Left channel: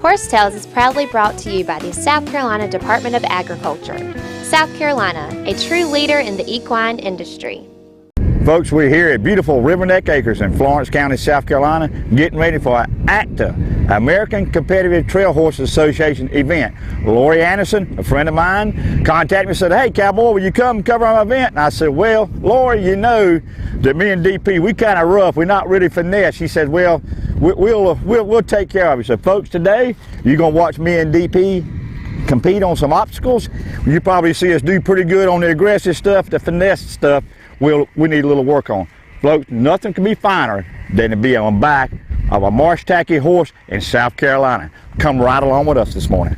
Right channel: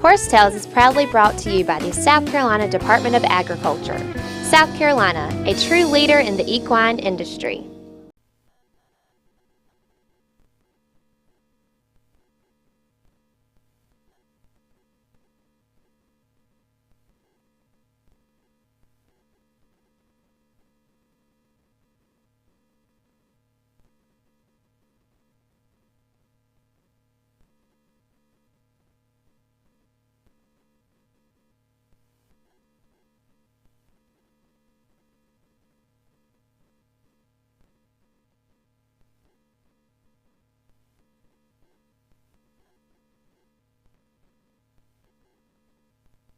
Horse Tales is proudly brought to you by the South Carolina Department of Agriculture. South Carolina, a true leader in the equine industry. Folks, we're here at beautiful River Neck Acres in Florence County, South Carolina, getting ready for ACTHA, American Competitive Trail Horses Association event. Lori Anderson, a friend of mine, contacted me and said, "Hey, Cowboy, will you come cover our event?" And I said, "Well, Lori, you know that me and DP, we kind of rough. We're not really finesse." She said, "Well, we'll take care of you." So, folks, today you're gonna watch me and DP compete on some obstacles. You probably see us do pretty good on the aggressive stuff, the finesse stuff. We need a little work on. Folks, nothing can be finer than to be on the back of a marsh tacky horse in South Carolina. Come right along with us this morning.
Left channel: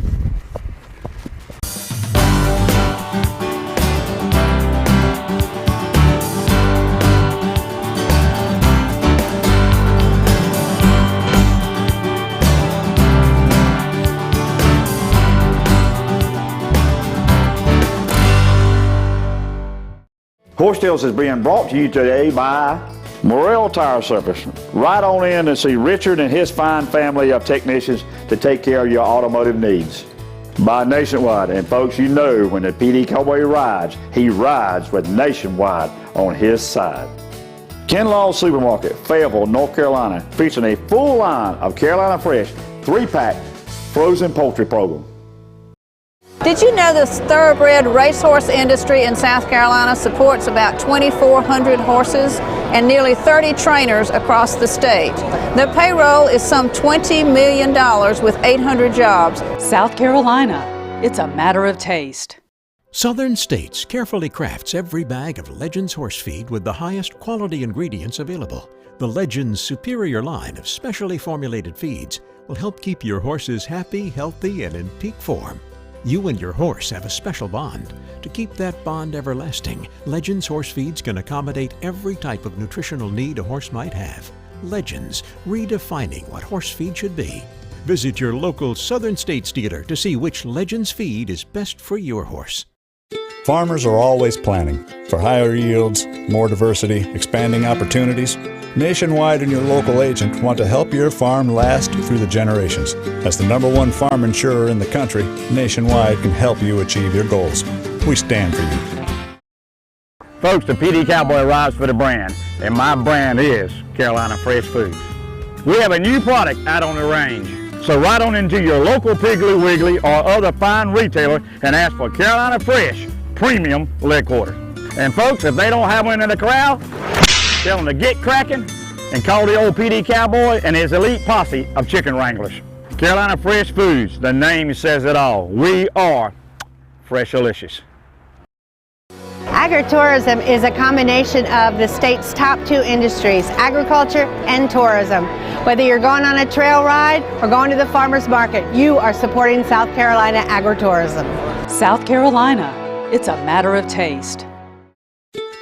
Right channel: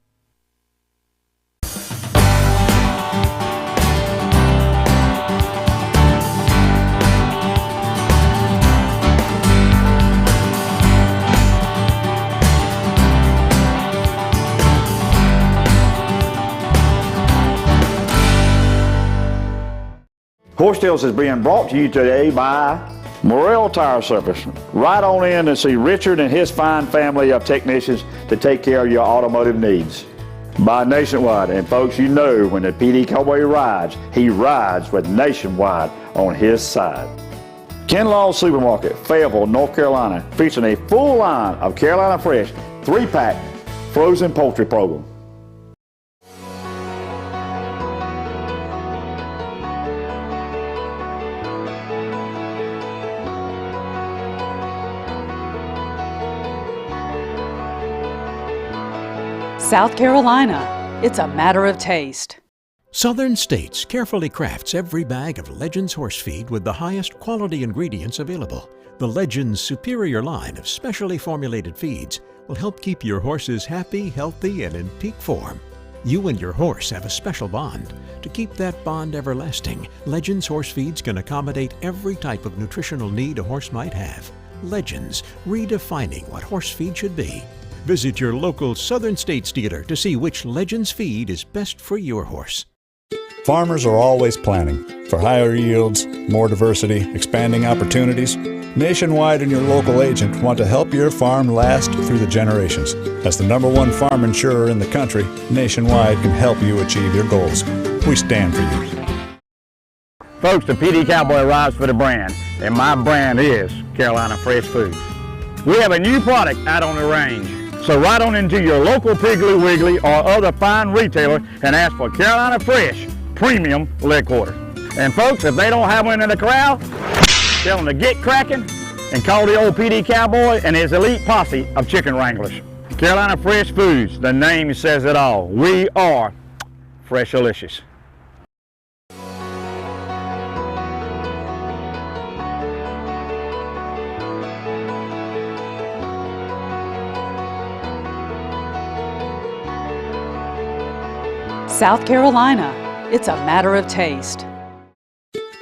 Horse Tales is being brought to you today by Morrell Tire Service. Right on in and see Richard and his fine family of technicians to take care of your automotive needs. By Nationwide, and folks, you know when the Pee Dee Cowboy rides, he rides with Nationwide on his side. Kinlaw Supermarket, Fayetteville, North Carolina, featuring a full line of Carolina Fresh 3-pack frozen poultry program. Did you know the thoroughbred racehorse industry in South Carolina supports about 2,400 horses and nearly 30 trainers across the state? Their payroll is some $20 million with 800 jobs. South Carolina, it's a matter of taste. Southern States carefully crafts every bag of Legends horse feed with the highest quality ingredients available. The Legends superior line of specially formulated feeds will help keep your horses happy, healthy, and in peak form. You and your horse have a special bond. To keep that bond everlasting, Legends horse feeds can accommodate every type of nutritional need a horse might have. Legends, redefining what horse feed should be. Visit your local Southern States dealer to see which Legends feed is best for your horse. Farmers are always planning for higher yields, more diversity, expanding opportunities. Nationwide and your local agent want to help your farm last through the generations. As the #1 farm insurer in the country, Nationwide can help you achieve your goals. We stand for you. Folks, the Pee Dee Cowboy rides for the brand, and my brand is Carolina Fresh Foods. We have a new product out on the range. So ride on into your local Piggly Wiggly or other fine retailer and ask for Carolina Fresh Premium Leg Quarter. And folks, if they don't have one in the corral, tell them to get cracking and call the old Pee Dee Cowboy and his elite posse of chicken wranglers. Carolina Fresh Foods, the name says it all. We are Freshalicious. Agritourism is a combination of the state's top 2 industries, agriculture and tourism. Whether you're going on a trail ride or going to the farmer's market, you are supporting South Carolina agritourism. South Carolina, it's a matter of taste.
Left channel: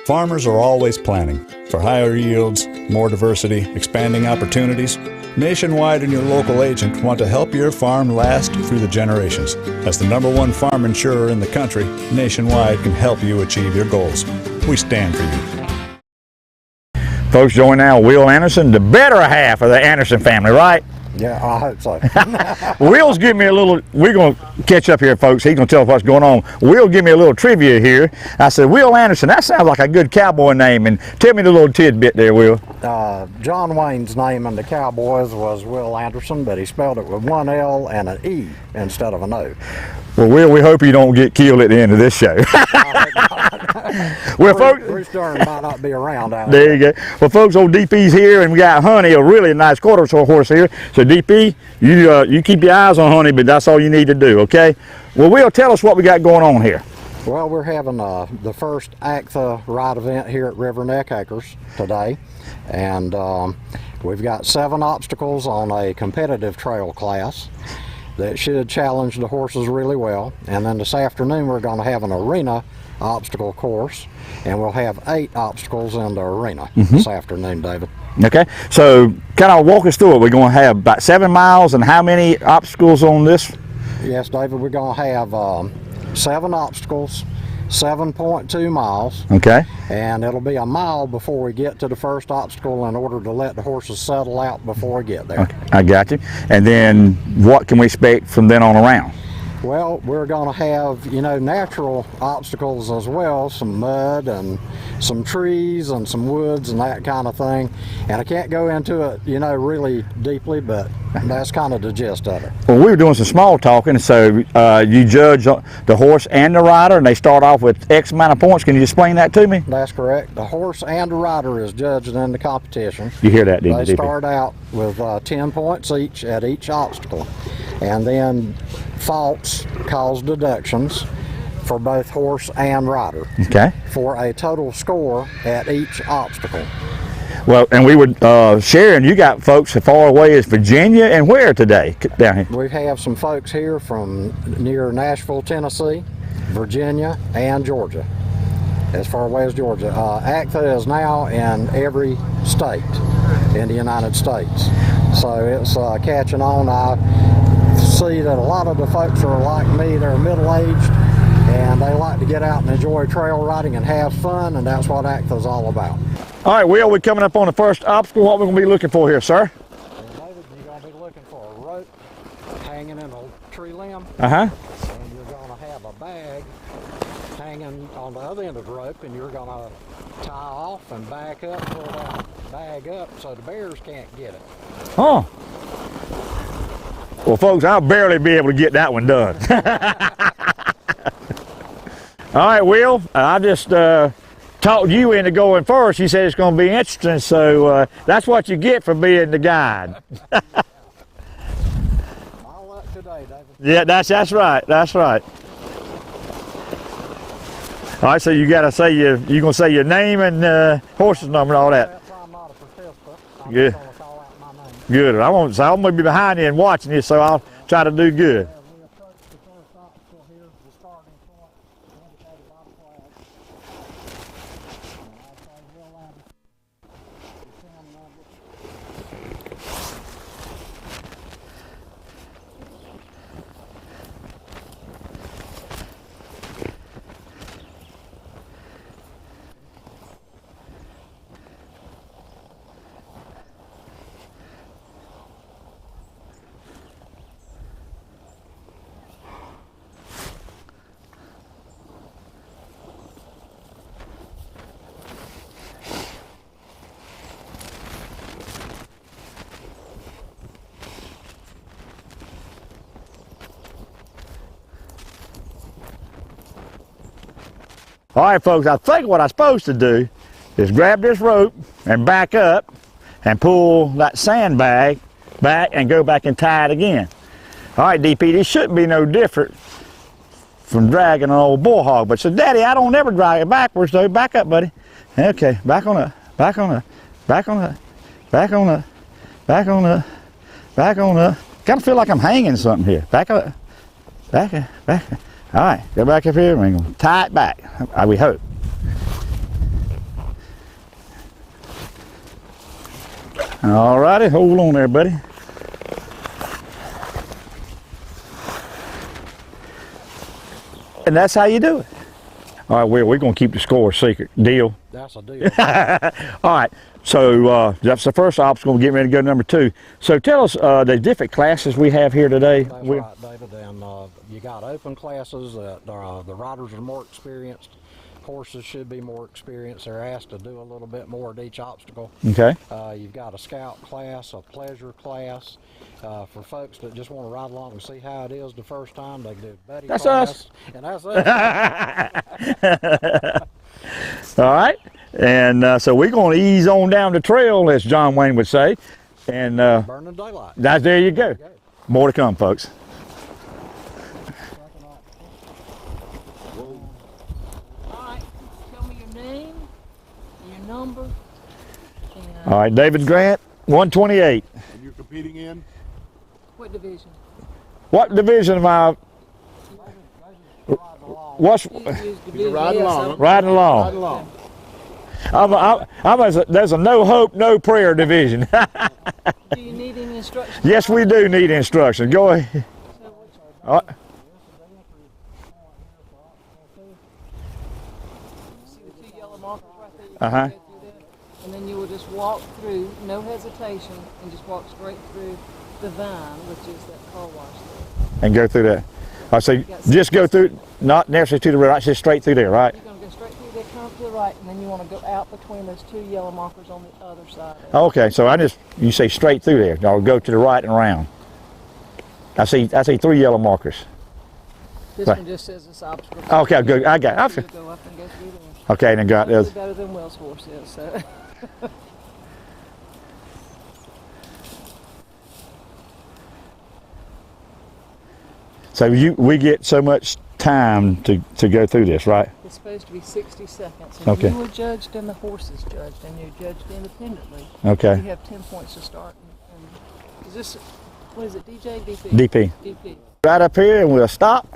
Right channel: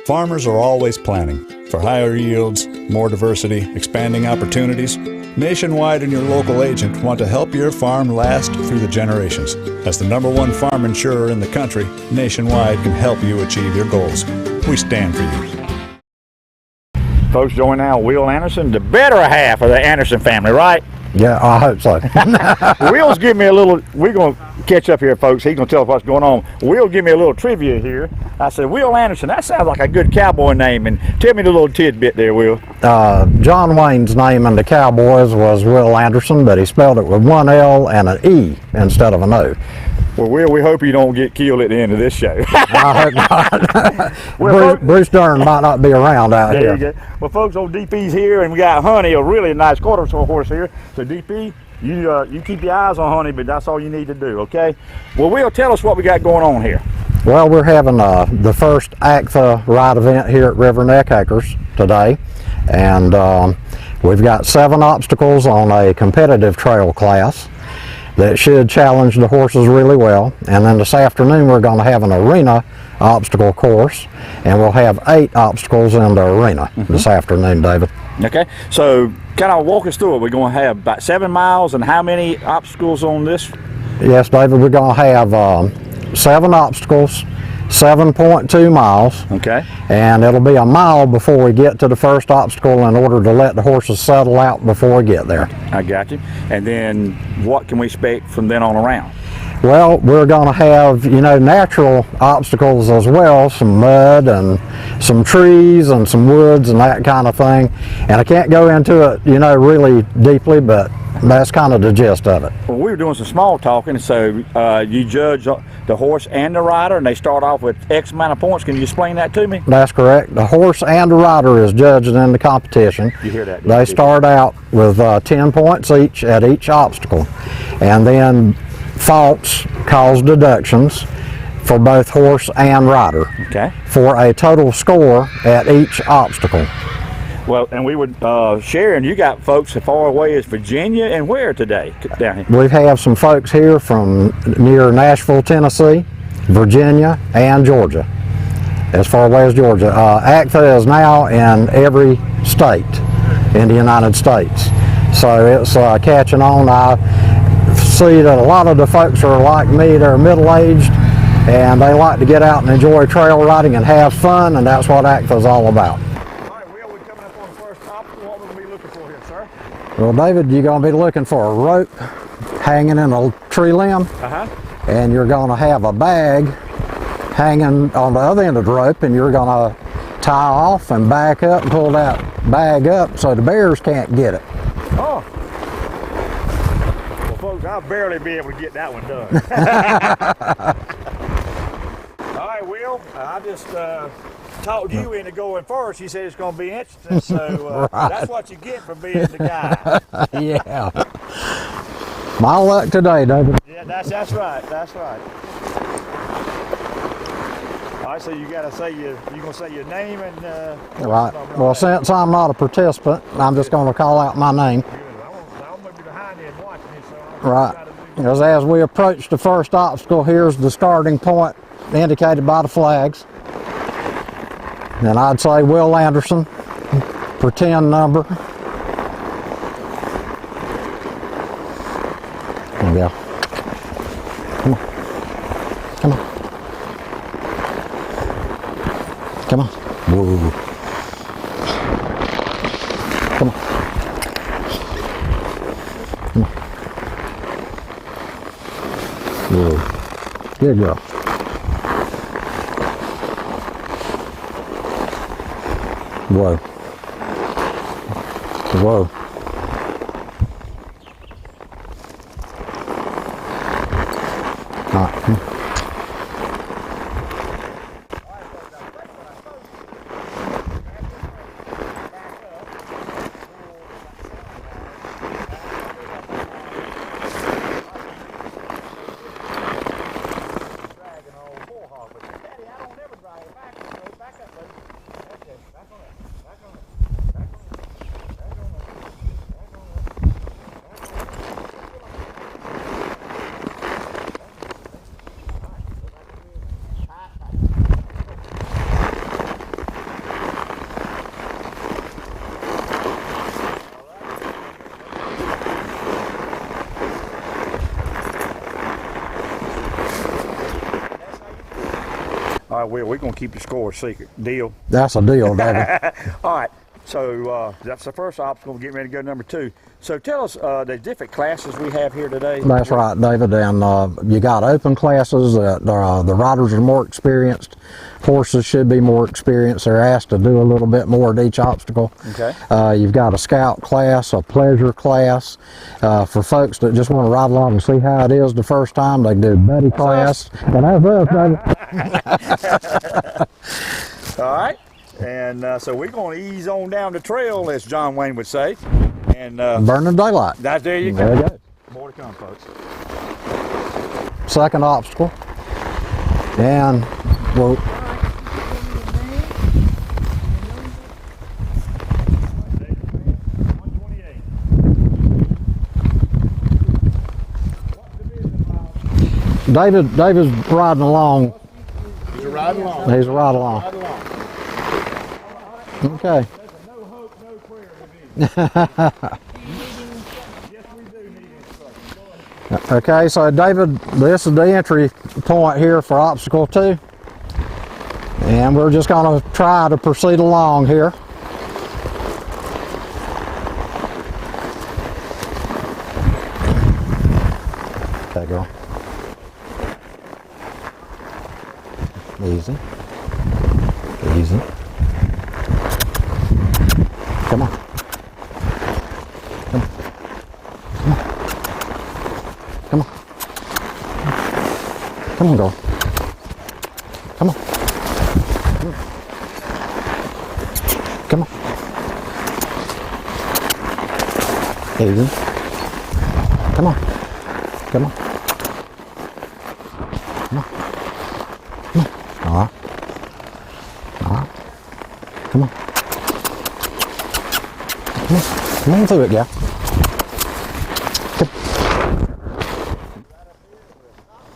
Farmers are always planning for higher yields, more diversity, expanding opportunities. Nationwide and your local agent want to help your farm last through the generations. As the #1 farm insurer in the country, Nationwide can help you achieve your goals. We stand for you. Folks, join now Will Anderson, the better half of the Anderson family, right? Yeah, I hope so. Will's give me a little, we're going to catch up here, folks. He's going to tell us what's going on. Will give me a little trivia here. I said, Will Anderson, that sounds like a good cowboy name. And tell me the little tidbit there, Will. John Wayne's name in the Cowboys was Will Anderson, but he spelled it with 1 L and an E instead of an O. Well, Will, we hope you don't get killed at the end of this show. I hope not. Well, Bruce Dern might not be around out there. There you go. Well, folks, old DP's here, and we got Honey, a really nice quarter horse here. So, DP, you keep your eyes on Honey, but that's all you need to do, okay? Well, Will, tell us what we got going on here. Well, we're having the first ACTHA ride event here at River Neck Acres today, and we've got 7 obstacles on a competitive trail class that should challenge the horses really well. And then this afternoon we're going to have an arena obstacle course, and we'll have 8 obstacles in the arena this afternoon, David. Okay, so kind of walk us through it. We're going to have about 7 miles, and how many obstacles on this? Yes, David, we're going to have 7 obstacles, 7.2 miles. Okay. And it'll be a mile before we get to the first obstacle in order to let the horses settle out before we get there. I got you. And then what can we expect from then on around? Well, we're going to have, you know, natural obstacles as well, some mud and some trees and some woods and that kind of thing. And I can't go into it, you know, really deeply, but that's kind of the gist of it. Well, we were doing some small talking, so you judge the horse and the rider, and they start off with X amount of points. Can you explain that to me? That's correct. The horse and the rider is judged in the competition. You hear that, didn't They you? start out with 10 points each at each obstacle. And then faults cause deductions for both horse and rider. Okay. For a total score at each obstacle. Well, and we would, Sharon, you got folks as far away as Virginia and where today? Down here. We have some folks here from near Nashville, Tennessee, Virginia, and Georgia. As far away as Georgia. ACTHA is now in every state in the United States. So it's catching on. I see that a lot of the folks are like me, they're middle-aged, and they like to get out and enjoy trail riding and have fun, and that's what ACTHA is all about. All right, Will, we're coming up on the first obstacle. What we're going to be looking for here, sir? Well, David, you're going to be looking for a rope hanging in a tree limb, and you're going to have a bag hanging on the other end of the rope, and you're going to tie off and back up and pull that bag up so the bears can't get it. Oh. Well, folks, I'll barely be able to get that one done. All right, Will, I just talked you into going first. You said it's going to be interesting, so that's what you get for being the guide. Yeah. My luck today, David. Yeah, that's right. That's right. All right, so you got to say you're going to say your name and horse's number and all that. Since I'm not a participant, I'm just going to call out my name. Good. I'm going to be behind you and watching you, so I'll try to do good. As we approach the first obstacle, here's the starting point indicated by the flags. And I'd say Will Anderson, pretend number. There we go. Come on. Come on. Come on. Whoa. Come on. Come on. Whoa. Good girl. Whoa. Whoa. All right, folks, I think what I'm supposed to do is grab this rope and back up and pull that sandbag back and go back and tie it again. All right, DP, this shouldn't be no different from dragging an old bull hog. But so, Daddy, I don't ever drag it backwards, though. Back up, buddy. Okay, back on up, back on up, back on up, back on up, back on up, back on up. Kind of feel like I'm hanging something here. Back up, back up, back up. All right, go back up here and we're going to tie it back, we hope. All righty, hold on there, buddy. And that's how you do it. All right, we're going to keep the score a secret. Deal? That's a deal, baby. All right, so that's the first obstacle. We're getting ready to go to number 2. So tell us the different classes we have here today. That's right, David. And you got open classes that the riders are more experienced. Horses should be more experienced. They're asked to do a little bit more at each obstacle. Okay. You've got a scout class, a pleasure class. For folks that just want to ride along and see how it is the first time, they do buddy class. And that's us, All right. And so we're going to ease on down the trail, as John Wayne would say. And burning daylight. There you go. There you go. More to come, folks. Second obstacle. And rope. All right, David Grant, 128. What division am I? David's riding along. Riding along. There's a no hope, no prayer division. Yes, we do need instructions. Go ahead. Okay, so David, this is the entry point here for obstacle 2. And we're just going to try to proceed along here. And go through that. I say, just go through, not necessarily to the right, just straight through there, right? Easy. Come on. Okay, so you say straight through there. I'll go to the right and around. I see 3 yellow markers. Right. Come on, girl. Okay, good. I got it. Come on. Okay, then got those. Come on. Easy. Come on. Come on. So we get so much time to go through this, right? All right. Okay. Come on. Okay. Come on through it, gal. DP. Right up here, and we'll stop.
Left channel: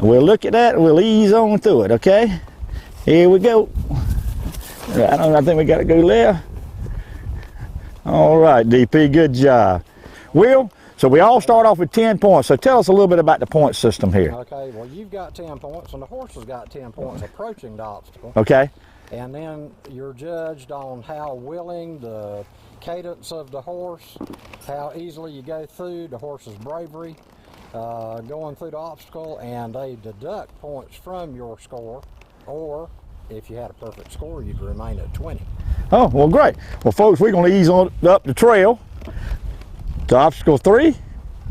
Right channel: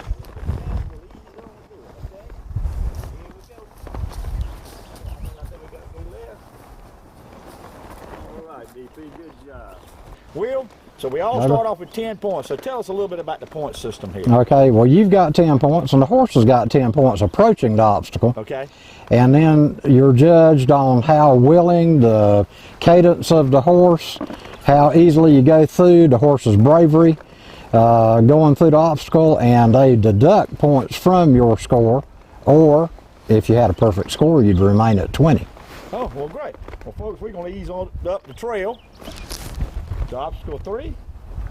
We'll look at that, and we'll ease on through it, okay? Here we go. I think we got to go left. All right, DP, good job. Will, so we all start off with 10 points. So tell us a little bit about the point system here. Okay, well, you've got 10 points, and the horse has got 10 points approaching the obstacle. Okay. And then you're judged on how willing, the cadence of the horse, how easily you go through, the horse's bravery, going through the obstacle, and they deduct points from your score, or if you had a perfect score, you'd remain at 20. Oh, well, great. Well, folks, we're going to ease on up the trail to obstacle 3,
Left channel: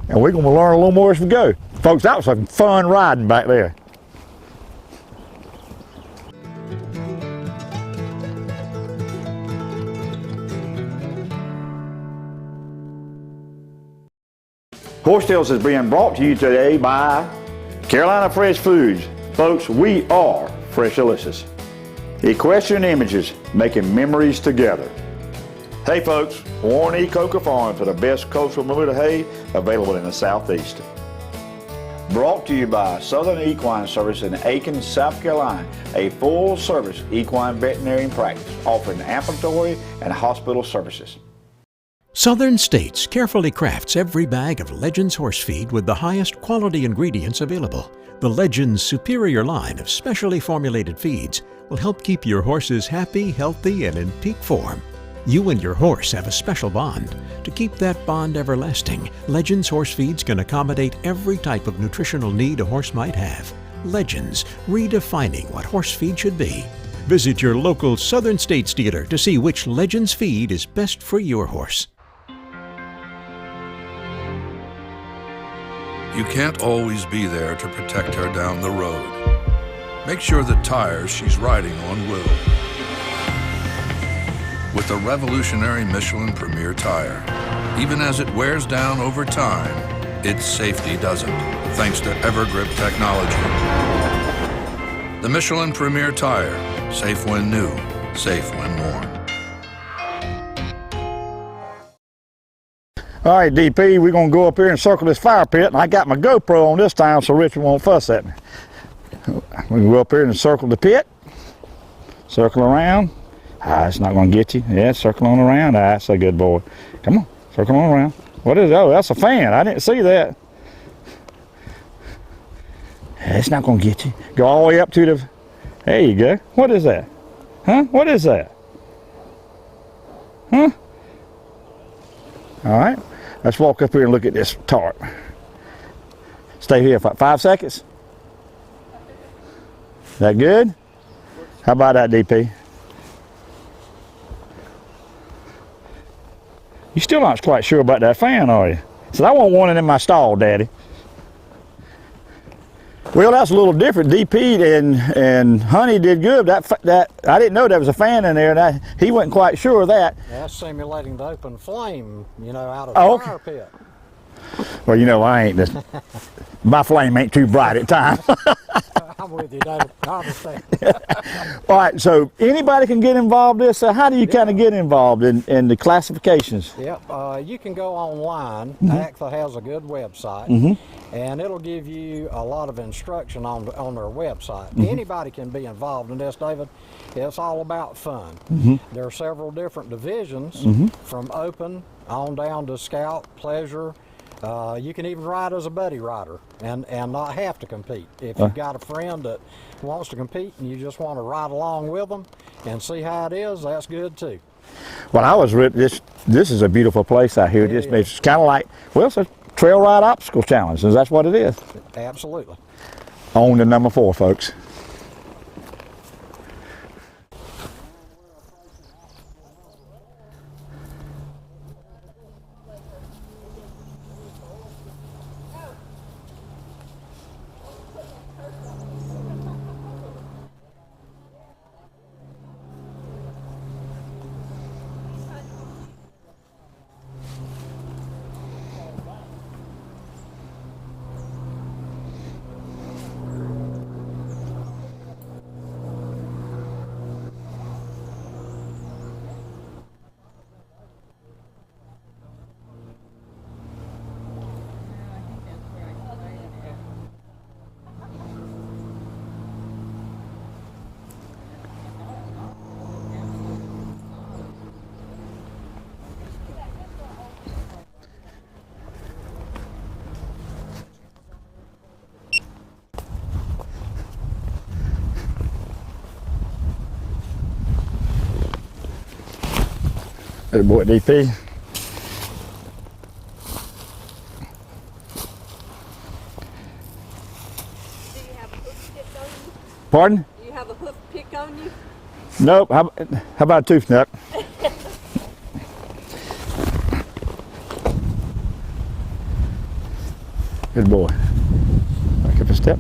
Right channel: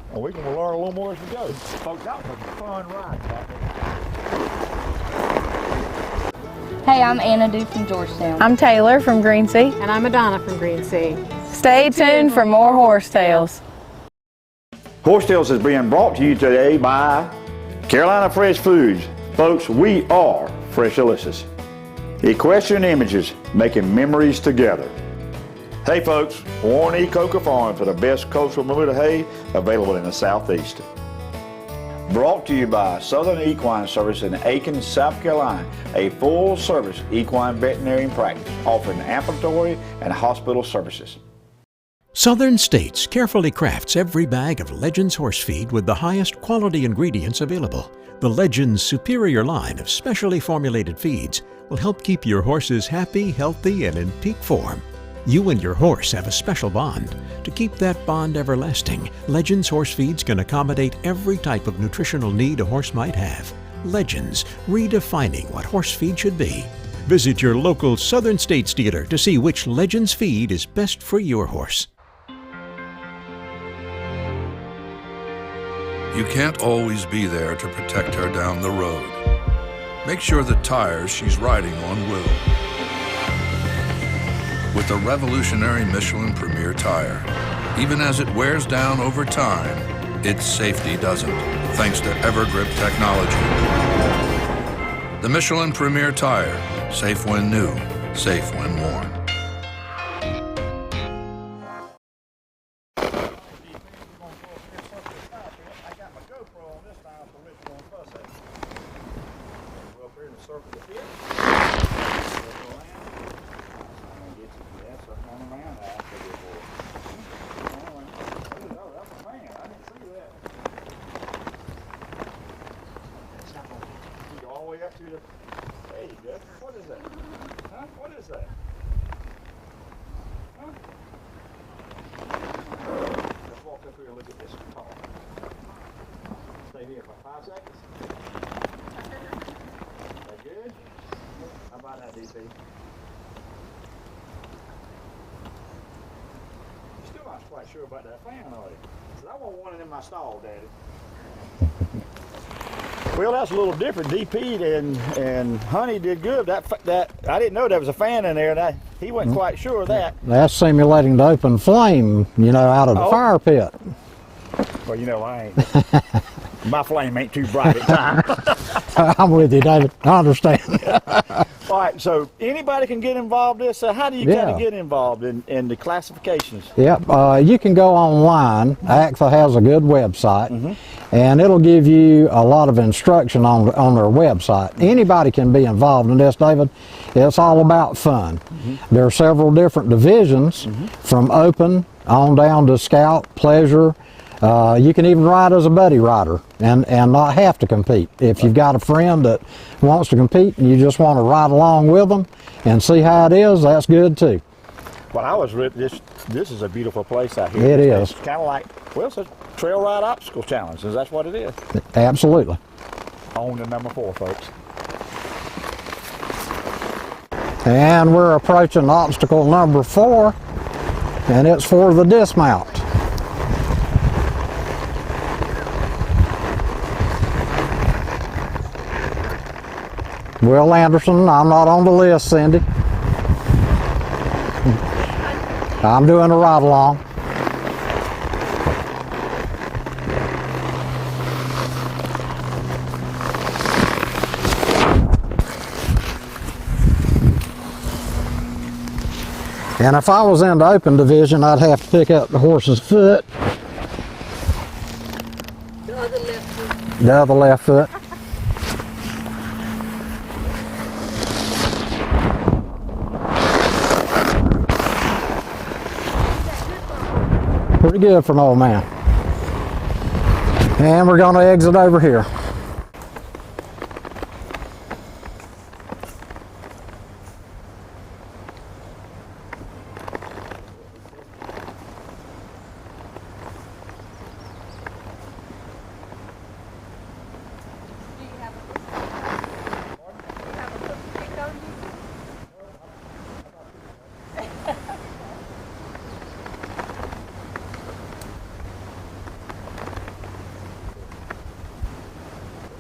and we're going to learn a little more as we go. Folks, that was some fun riding back there. Hey, I'm Anna Duke from Georgetown. I'm Taylor from Greensea. And I'm Madonna from Greensea. Stay tuned for more Horse Tales. Horse Tales is being brought to you today by Carolina Fresh Foods. Folks, we are Fresh Delicious. Equestrian Images, making memories together. Hey folks, Warren E. Coker Farm for the best coastal Bermuda hay available in the Southeast. Brought to you by Southern Equine Service in Aiken, South Carolina, a full-service equine veterinarian practice offering ambulatory and hospital services. Southern States carefully crafts every bag of Legends horse feed with the highest quality ingredients available. The Legends superior line of specially formulated feeds will help keep your horses happy, healthy, and in peak form. You and your horse have a special bond. To keep that bond everlasting, Legends horse feeds can accommodate every type of nutritional need a horse might have. Legends, redefining what horse feed should be. Visit your local Southern States dealer to see which Legends feed is best for your horse. You can't always be there to protect her down the road. Make sure the tires she's riding on will. With the revolutionary Michelin Premier tire, even as it wears down over time, its safety doesn't, thanks to Evergrip technology. The Michelin Premier tire, safe when new, safe when worn. All right, DP, we're going to go up here and circle this fire pit, and I got my GoPro on this time so Richard won't fuss at me. We can go up here and circle the pit, circle around. It's not going to get you. Yeah, circle on around. That's a good boy. Come on, circle on around. What is it? Oh, that's a fan. I didn't see that. It's not going to get you. Go all the way up to the... There you go. What is that? Huh? What is that? Huh? All right. Let's walk up here and look at this tarp. Stay here for 5 seconds. That good? How about that, DP? You still not quite sure about that fan, are you? Said, I want one in my stall, Daddy. Well, that's a little different. DP and Honey did good. That I didn't know there was a fan in there, and he wasn't quite sure of that. That's simulating the open flame, you know, out of the fire pit. Well, you know, I ain't. My flame ain't too bright at times. I'm with you, David. I understand. All right, so anybody can get involved in this. So how do you kind of get involved in the classifications? Yep, you can go online. ACTHA has a good website, and it'll give you a lot of instruction on their website. Anybody can be involved in this, David. It's all about fun. There are several different divisions, from open on down to scout, pleasure, You can even ride as a buddy rider and not have to compete. If you've got a friend that wants to compete and you just want to ride along with them and see how it is, that's good too. Well, this is a beautiful place out here. It is. It's kind of like, well, it's a trail ride obstacle challenge, so that's what it is. Absolutely. On to number 4, folks. And we're approaching obstacle number 4, and it's for the dismount. Will Anderson, I'm not on the list, Cindy. I'm doing a ride along. And if I was in the open division, I'd have to pick up the horse's foot. The other left foot. Pretty good for an old man. And we're going to exit over here. Good boy, DP. Pardon? Do you have a hook pick on you? Nope. How about a tooth nut? Good boy. Back up a step.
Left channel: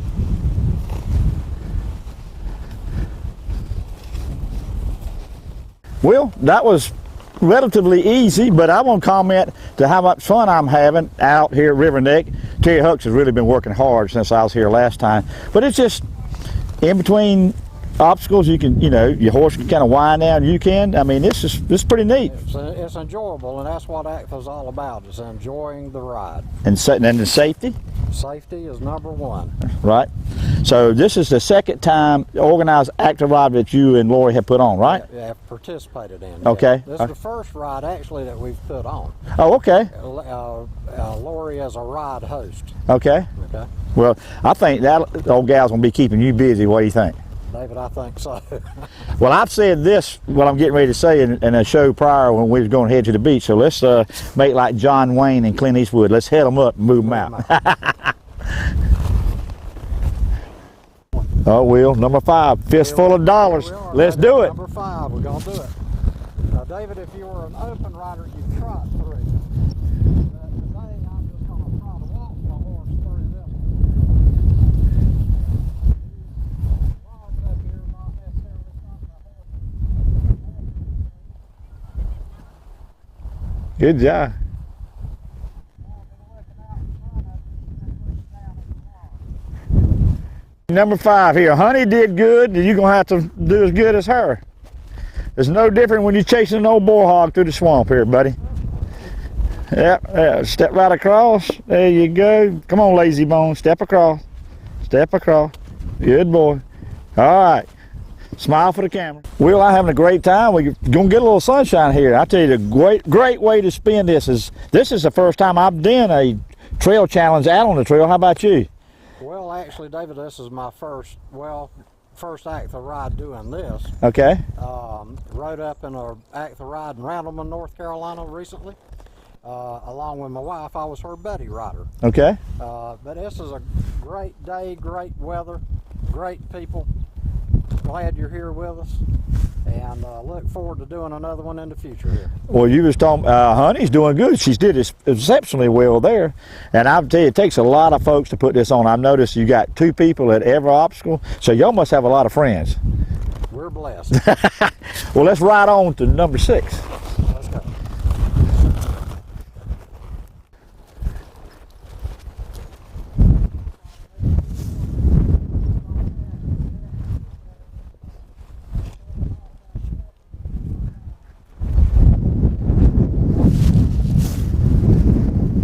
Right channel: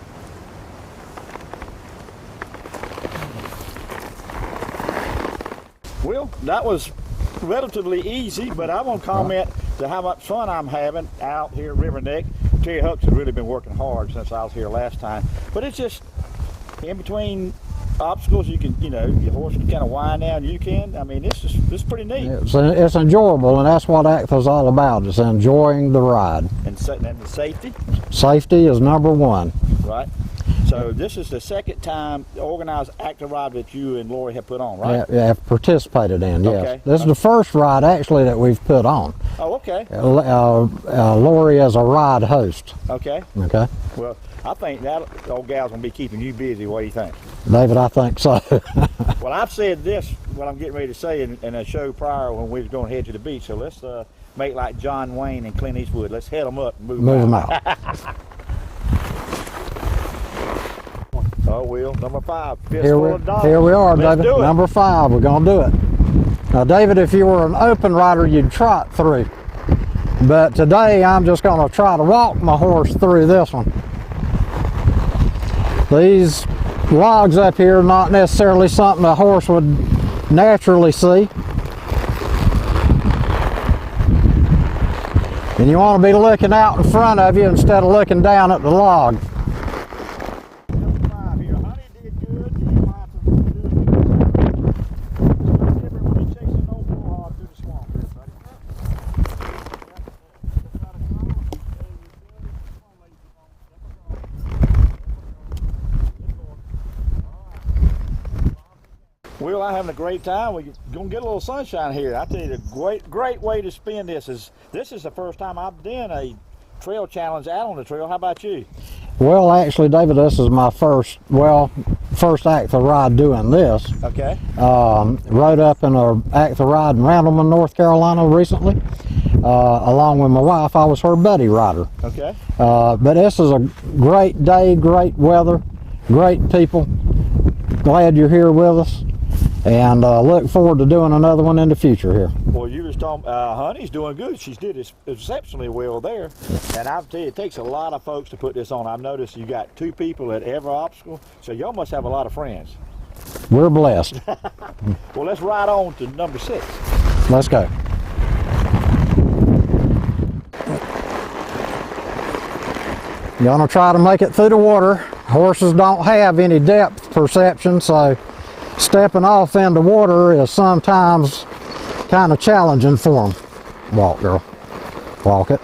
Well, that was relatively easy, but I want to comment to how much fun I'm having out here at River Neck. Terry Hucks has really been working hard since I was here last time, but it's just in between obstacles, you can, your horse can kind of wind down, you can. I mean, this is pretty neat. It's enjoyable, and that's what ACTHA's all about. It's enjoying the ride. And the safety? Safety is number 1. Right. So this is the second time organized ACTHA ride that you and Lori have put on, right? Yeah, have participated in. Yeah. Okay. This is the first ride actually that we've put on. Oh, okay. Lori as a ride host. Okay. Okay. Well, I think that old gal's gonna be keeping you busy. What do you think? David, I think so. Well, I've said this, what I'm getting ready to say in a show prior when we was going to head to the beach. So let's make like John Wayne and Clint Eastwood. Let's head them up and move them out. Oh, Will, number 5, fistful of dollars. Here we are, Let's David. do it. Number 5, we're going to do it. Now, David, if you were an open rider, you'd trot through. But today, I'm just going to try to walk my horse through this one. These logs up here are not necessarily something a horse would naturally see. Good job. And you want to be looking out in front of you instead of looking down at the log. Number 5 here, Honey did good, you're going to have to do as good as her. It's no different when you're chasing an old bull hog through the swamp here, buddy. Yep, step right across, there you go. Come on, lazy bone, step across, good boy. All right, smile for the camera. Will, I'm having a great time. We're going to get a little sunshine here. I tell you, the great way to spend this is the first time I've done a trail challenge out on the trail. How about you? Well, actually, David, this is my first ACTHA ride doing this. Okay. Rode up in a ACTHA ride in Randleman, North Carolina recently. Along with my wife, I was her buddy rider. Okay. But this is a great day, great weather, great people. Glad you're here with us, and look forward to doing another one in the future here. Well, you was talking, Honey's doing good. She's did exceptionally well there. And I'll tell you, it takes a lot of folks to put this on. I've noticed you got 2 people at every obstacle, so y'all must have a lot of friends. We're blessed. Well, let's ride on to number 6. Let's go. You're gonna try to make it through the water. Horses don't have any depth perception, so stepping off into water is sometimes kind of challenging for them. Walk, girl. Walk it.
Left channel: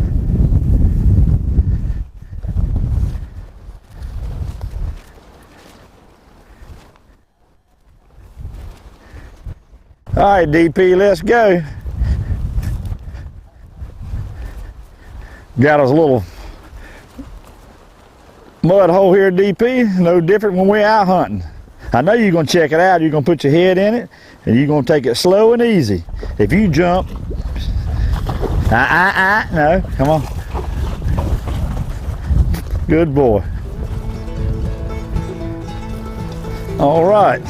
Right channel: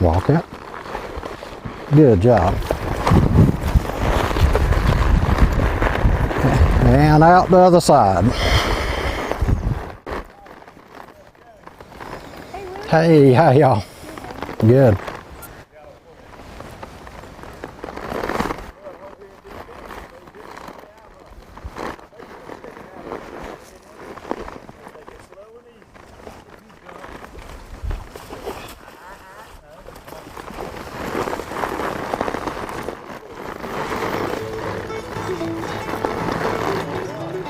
Walk it. Good job. And out the other side. All right, DP, let's go. Hey, how y'all? Good. Got us a little mud hole here at DP, no different when we're out hunting. I know you're gonna check it out. You're gonna put your head in it and you're gonna take it slow and easy. If you jump, no, come on. Good boy. All right.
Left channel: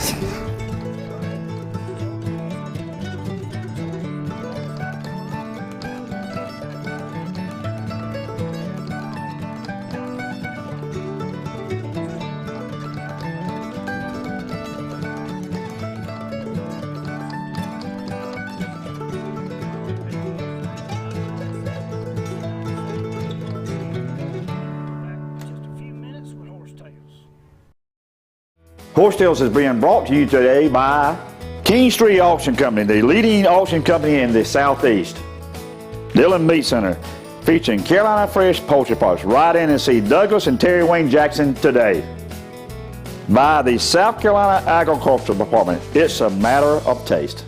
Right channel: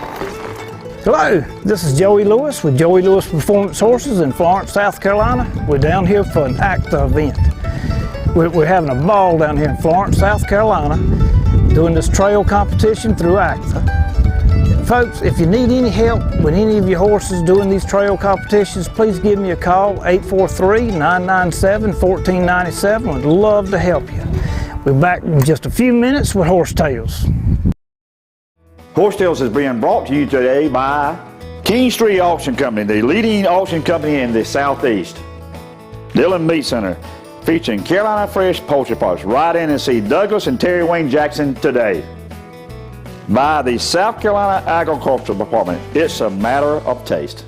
Hello, this is Joey Lewis with Joey Lewis Performance Horses in Florence, South Carolina. We're down here for an ACTHA event. We're having a ball down here in Florence, South Carolina, doing this trail competition through ACTHA. Folks, if you need any help with any of your horses doing these trail competitions, please give me a call, 843-997-1497. We'd love to help you. We're back in just a few minutes with Horse Tales. Horse Tales is being brought to you today by King Street Auction Company, the leading auction company in the Southeast. Dillon Meat Center, featuring Carolina Fresh Poultry Parts. Ride in and see Douglas and Terry Wayne Jackson today. By the South Carolina Agricultural Department. It's a matter of taste.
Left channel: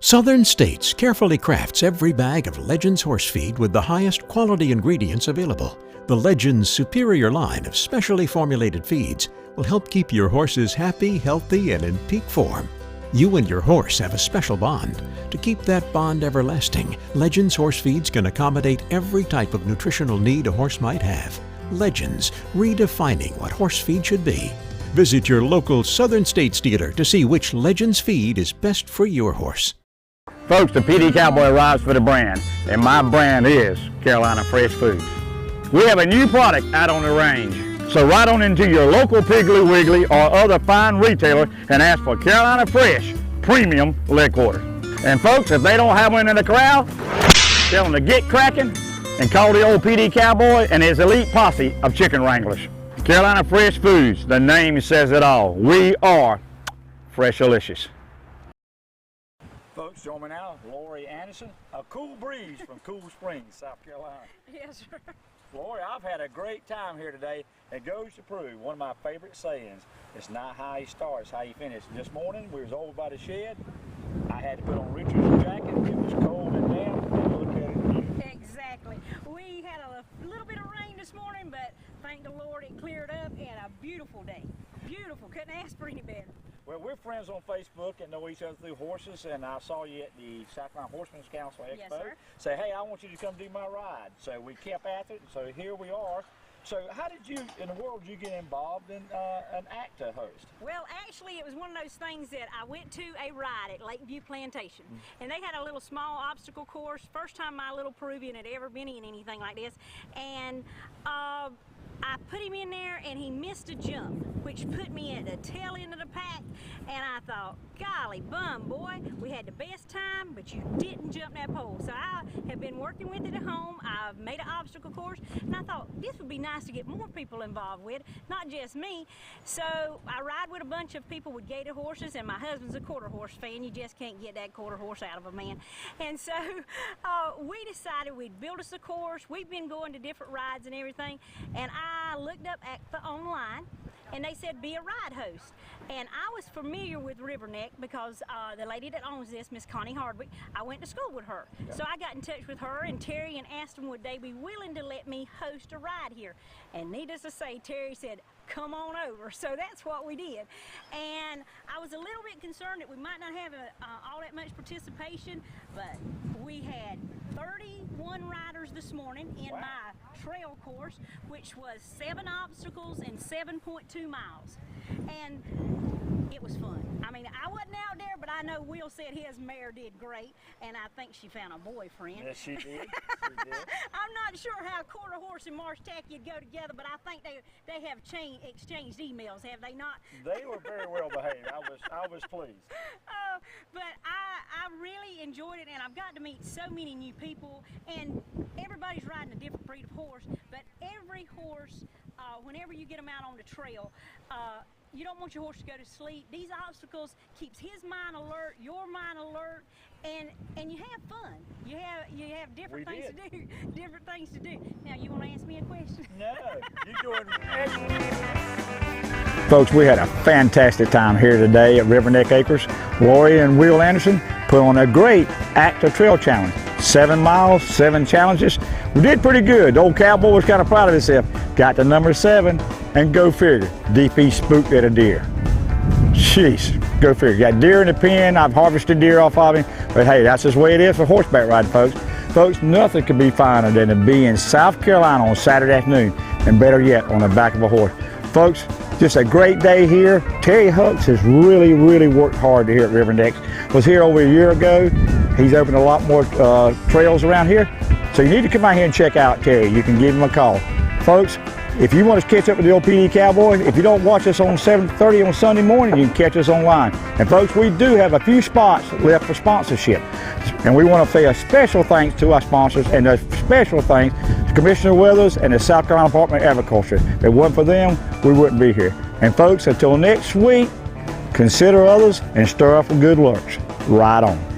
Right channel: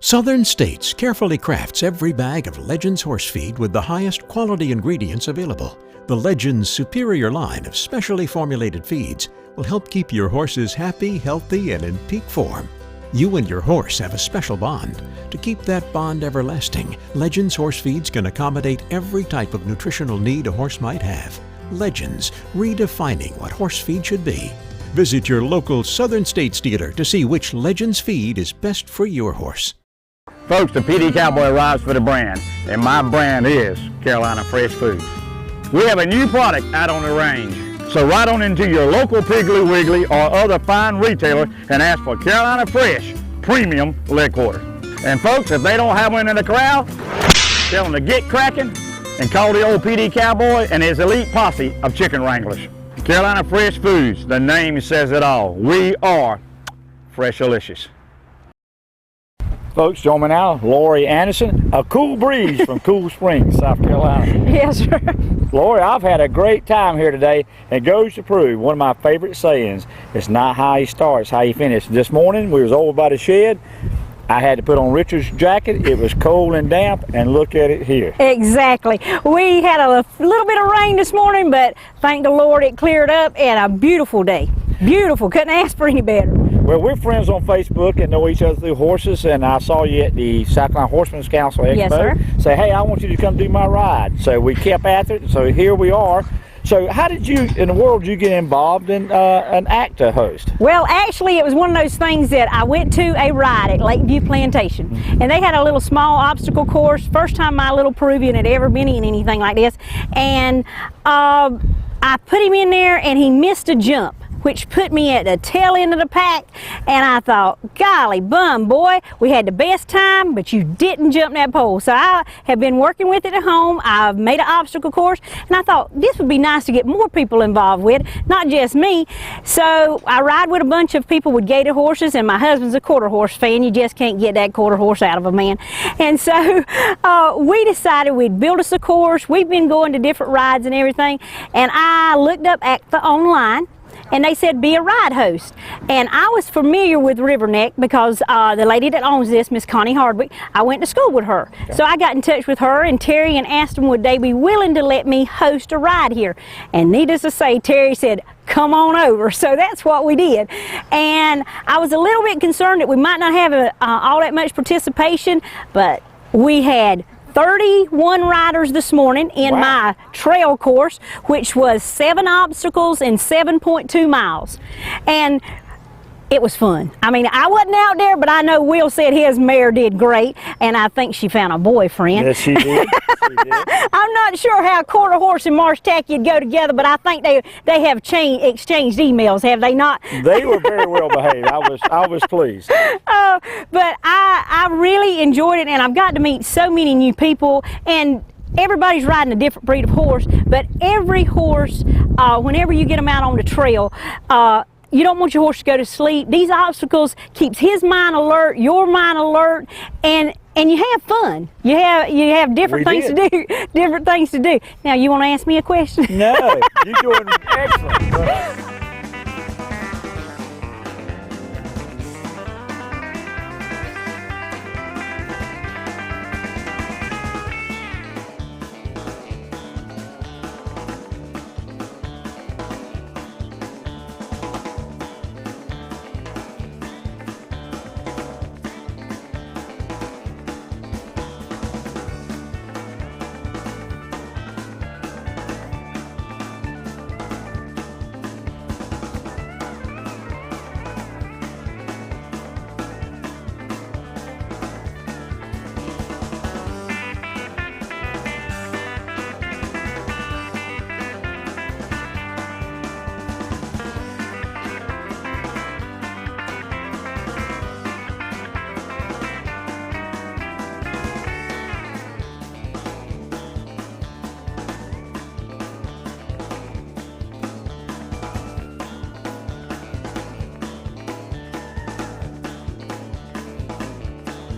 Southern States carefully crafts every bag of Legends horse feed with the highest quality ingredients available. The Legends superior line of specially formulated feeds will help keep your horses happy, healthy, and in peak form. You and your horse have a special bond. To keep that bond everlasting, Legends horse feeds can accommodate every type of nutritional need a horse might have. Legends, redefining what horse feed should be. Visit your local Southern States dealer to see which Legends feed is best for your horse. Folks, the Pee Dee Cowboy rides for the brand, and my brand is Carolina Fresh Foods. We have a new product out on the range, so ride on into your local Piggly Wiggly or other fine retailer and ask for Carolina Fresh Premium Leg Quarter. And folks, if they don't have one in the corral, tell them to get cracking and call the old Pee Dee Cowboy and his elite posse of chicken wranglers. Carolina Fresh Foods, the name says it all. We are Freshalicious. Folks, join me now, Lori Anderson, a cool breeze from Cool Springs, South Carolina. Yes, sir. Lori, I've had a great time here today, and goes to prove one of my favorite sayings, it's not how you start, it's how you finish. This morning, we was over by the shed. I had to put on Richard's jacket. It was cold and damp, and look at it here. Exactly. We had a little bit of rain this morning, but thank the Lord it cleared up, and a beautiful day. Beautiful. Couldn't ask for any better. Well, we're friends on Facebook and know each other through horses, and I saw you at the South Carolina Horsemen's Council Expo. Yes, sir. Say, hey, I want you to come do my ride. So we kept after it, so here we are. So how did you, in the world, you get involved in an ACTHA host? Well, actually, it was one of those things that I went to a ride at Lakeview Plantation, and they had a little small obstacle course. First time my little Peruvian had ever been in anything like this, and I put him in there, and he missed a jump, which put me at the tail end of the pack, and I thought, golly bum, boy, we had the best time, but you didn't jump that pole. So I have been working with it at home. I've made an obstacle course, and I thought this would be nice to get more people involved with, not just me. So I ride with a bunch of people with gator horses, and my husband's a quarter horse fan. You just can't get that quarter horse out of a man. And so we decided we'd build us a course. We've been going to different rides and everything, and I looked up ACTHA online, and they said be a ride host. And I was familiar with River Neck because the lady that owns this, Miss Connie Hardwick, I went to school with her. Okay. So I got in touch with her and Terry and asked them would they be willing to let me host a ride here. And needless to say, Terry said, come on over. So that's what we did. And I was a little bit concerned that we might not have all that much participation, but we had 31 riders this morning in my trail course, which was 7 obstacles and 7.2 miles. And it was fun. I mean, I wasn't out there, but I know Will said his mare did great, and I think she found a boyfriend. Yes, she did. She did. I'm not sure how quarter horse and marsh tacky would go together, but I think they have exchanged emails, have they not? They were very well behaved. I was pleased. But I really enjoyed it, and I've got to meet so many new people, and everybody's riding a different breed of horse, but every horse, whenever you get them out on the trail, you don't want your horse to go to sleep. These obstacles keeps his mind alert, your mind alert, and you have fun. You have different things to do. Different things to do. Now, you want to ask me a question? No, you're doing excellent. Folks, we had a fantastic time here today at River Neck Acres. Lori and Will Anderson put on a great ACTHA Trail Challenge. 7 miles, 7 challenges. We did pretty good. The old cowboy was kind of proud of himself. Got to number 7, and go figure, DP spooked at a deer. Jeez, go figure. Got deer in the pen. I've harvested deer off of him, but hey, that's just the way it is for horseback riding, folks. Folks, nothing could be finer than to be in South Carolina on Saturday afternoon, and better yet, on the back of a horse. Folks, just a great day here. Terry Hucks has really worked hard here at River Neck. Was here over a year ago. He's opened a lot more trails around here. So you need to come out here and check out Terry. You can give him a call. Folks, if you want to catch up with the old Pee Dee Cowboy, if you don't watch us on 7:30 on Sunday morning, you can catch us online. And folks, we do have a few spots left for sponsorship. And we want to say a special thanks to our sponsors, and a special thanks to Commissioner Weathers and the South Carolina Department of Agriculture. If it wasn't for them, we wouldn't be here. And folks, until next week, consider others and stir up the good looks. Ride on.